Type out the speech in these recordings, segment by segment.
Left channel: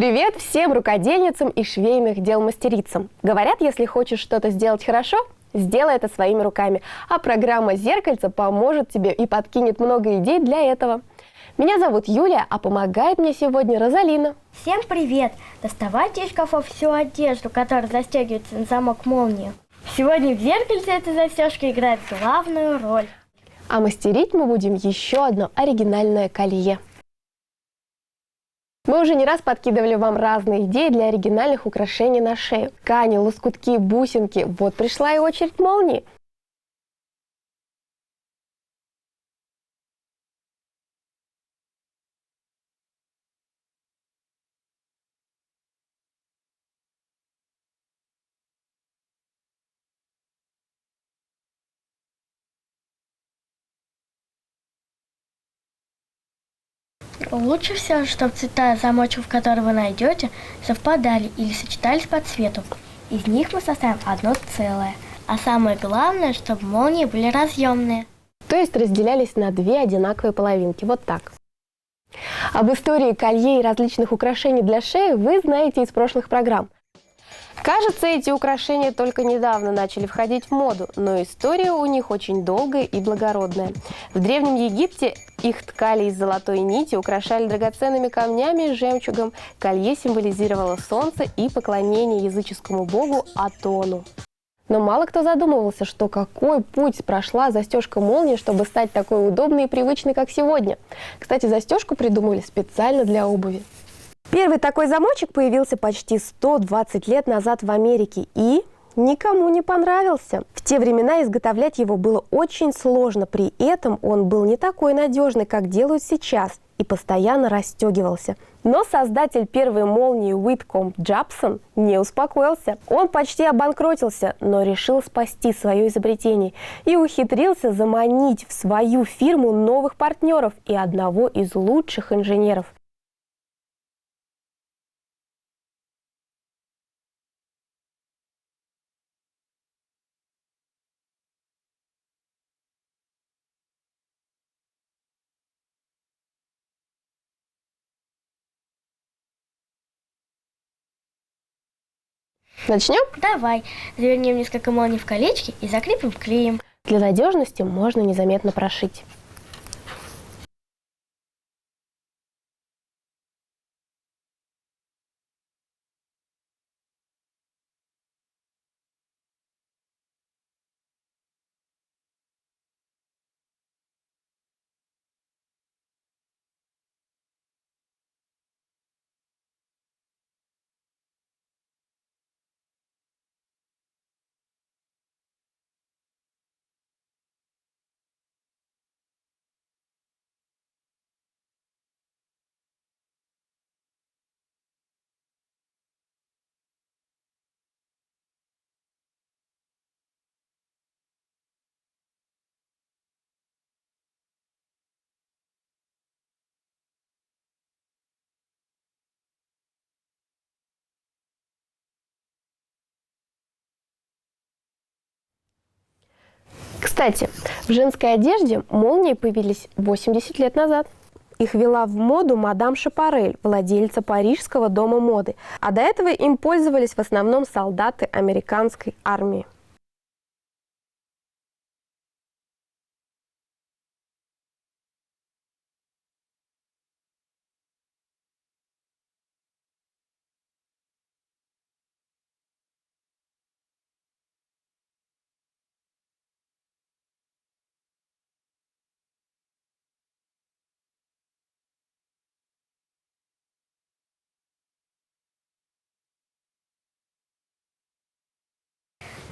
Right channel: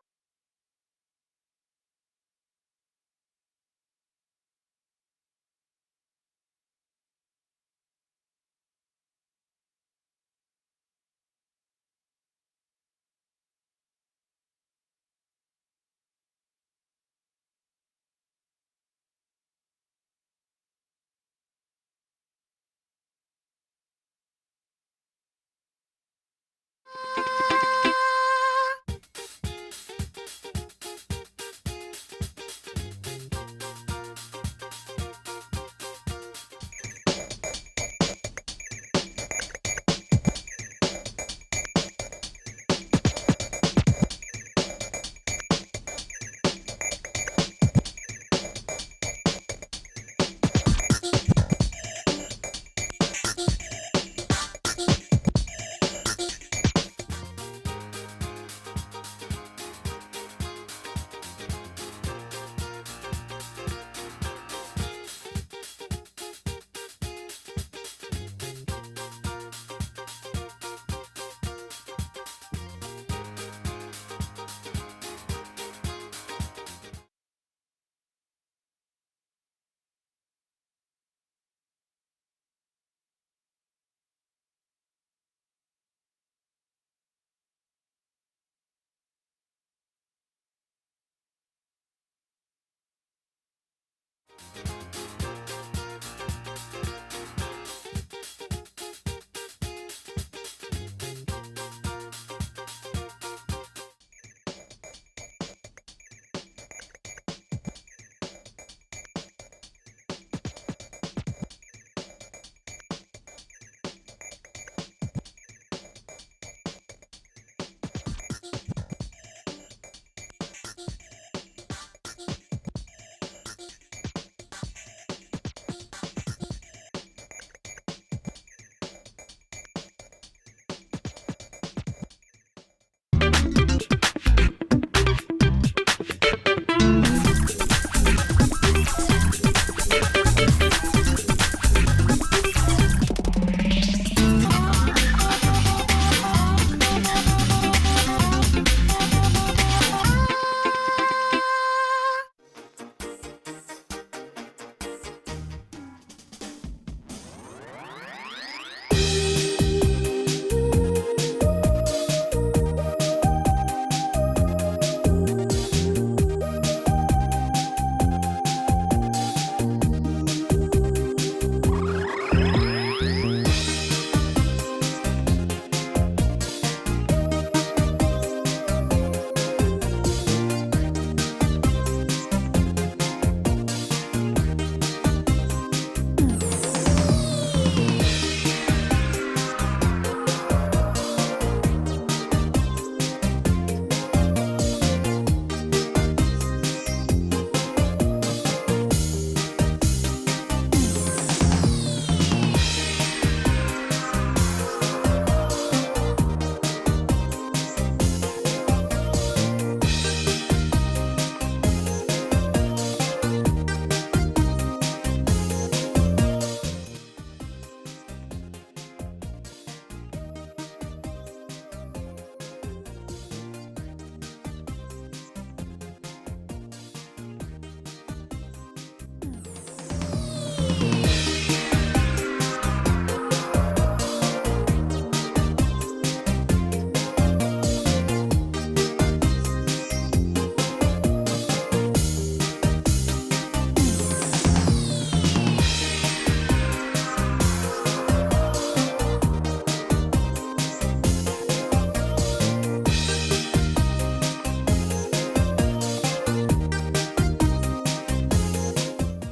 Привет всем рукодельницам и швейных дел мастерицам. Говорят, если хочешь что-то сделать хорошо, сделай это своими руками. А программа «Зеркальце» поможет тебе и подкинет много идей для этого. Меня зовут Юлия, а помогает мне сегодня Розалина. Всем привет! Доставайте из шкафов всю одежду, которая застегивается на замок молнии. Сегодня в зеркальце эта застежка играет главную роль. А мастерить мы будем еще одно оригинальное колье. Мы уже не раз подкидывали вам разные идеи для оригинальных украшений на шею. Ткани, лоскутки, бусинки. Вот пришла и очередь молнии. Лучше всего, чтобы цвета замочек, которые вы найдете, совпадали или сочетались по цвету. Из них мы составим одно целое. А самое главное, чтобы молнии были разъемные. То есть разделялись на две одинаковые половинки. Вот так. Об истории колье и различных украшений для шеи вы знаете из прошлых программ. Кажется, эти украшения только недавно начали входить в моду, но история у них очень долгая и благородная. В Древнем Египте их ткали из золотой нити, украшали драгоценными камнями и жемчугом. Колье символизировало солнце и поклонение языческому богу Атону. Но мало кто задумывался, что какой путь прошла застежка молнии, чтобы стать такой удобной и привычной, как сегодня. Кстати, застежку придумали специально для обуви. Первый такой замочек появился почти 120 лет назад в Америке и никому не понравился. В те времена изготовлять его было очень сложно, при этом он был не такой надежный, как делают сейчас, и постоянно расстегивался. Но создатель первой молнии Уиткомб Джабсон не успокоился. Он почти обанкротился, но решил спасти свое изобретение и ухитрился заманить в свою фирму новых партнеров и одного из лучших инженеров. Начнем? Давай, завернем несколько молний в колечки и закрепим клеем. Для надежности можно незаметно прошить. Кстати, в женской одежде молнии появились 80 лет назад. Их ввела в моду мадам Шапарель, владельца парижского дома моды. А до этого им пользовались в основном солдаты американской армии.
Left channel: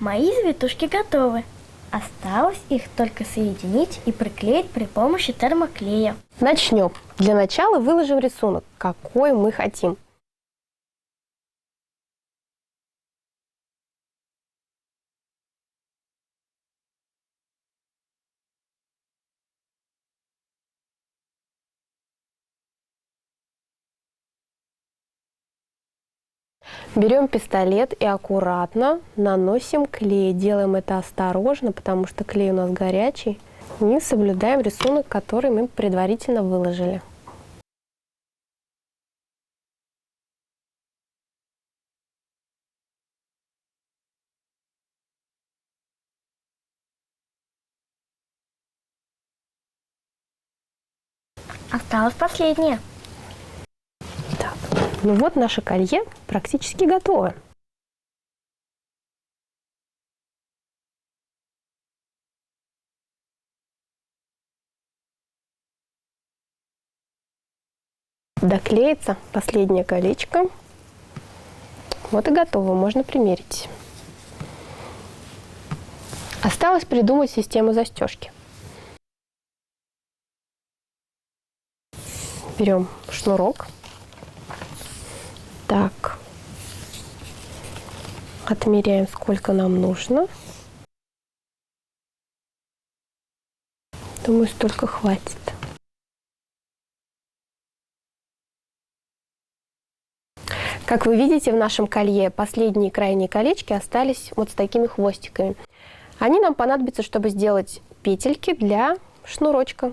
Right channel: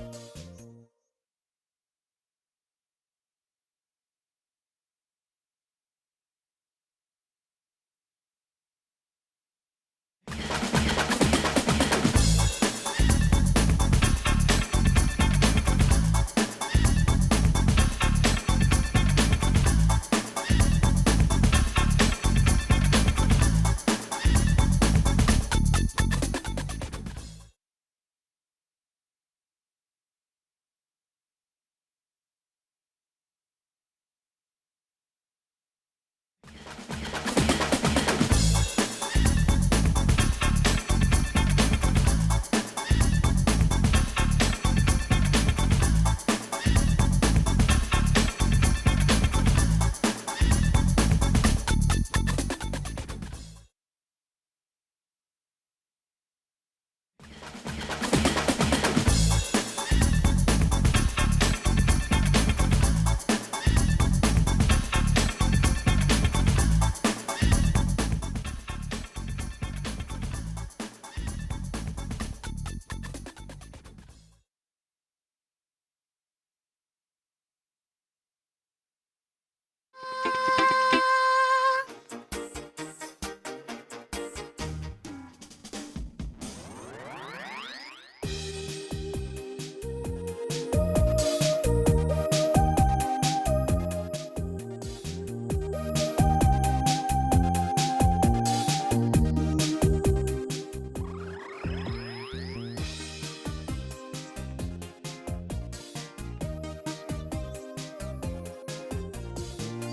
Мои завитушки готовы. Осталось их только соединить и приклеить при помощи термоклея. Начнем. Для начала выложим рисунок, какой мы хотим. Берем пистолет и аккуратно наносим клей. Делаем это осторожно, потому что клей у нас горячий. И соблюдаем рисунок, который мы предварительно выложили. Осталось последнее. Так, ну вот наше колье практически готово. Доклеится последнее колечко. Вот и готово, можно примерить. Осталось придумать систему застежки. Берем шнурок. Так. Отмеряем, сколько нам нужно. Думаю, столько хватит. Как вы видите, в нашем колье последние крайние колечки остались вот с такими хвостиками. Они нам понадобятся, чтобы сделать петельки для шнурочка.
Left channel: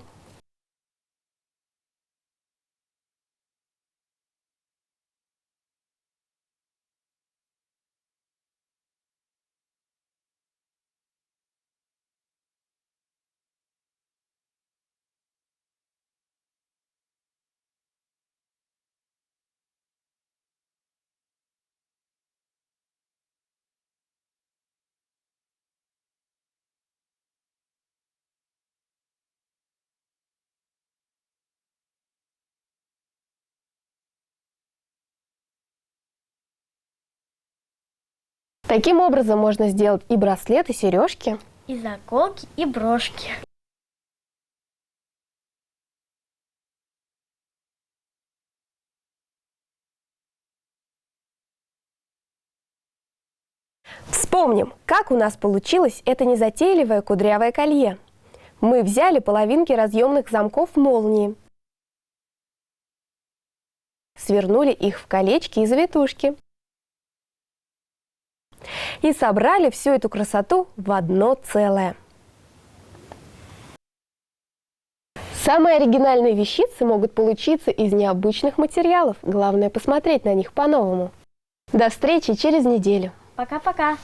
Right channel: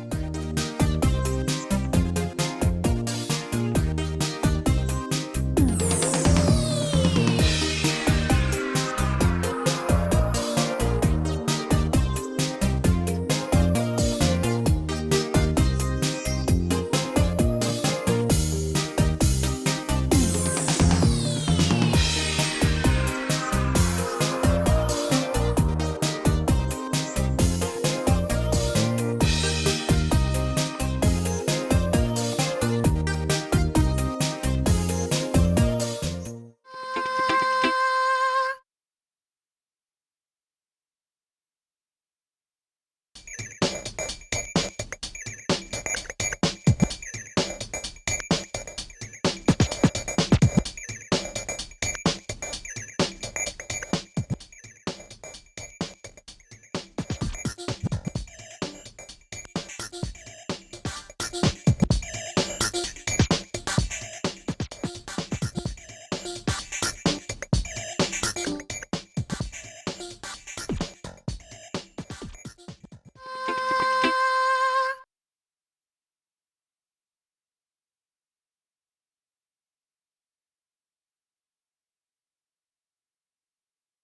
Таким образом можно сделать и браслет, и сережки. И заколки, и брошки. Вспомним, как у нас получилось это незатейливое кудрявое колье. Мы взяли половинки разъемных замков молнии, свернули их в колечки и завитушки и собрали всю эту красоту в одно целое. Самые оригинальные вещицы могут получиться из необычных материалов. Главное посмотреть на них по-новому. До встречи через неделю. Пока-пока.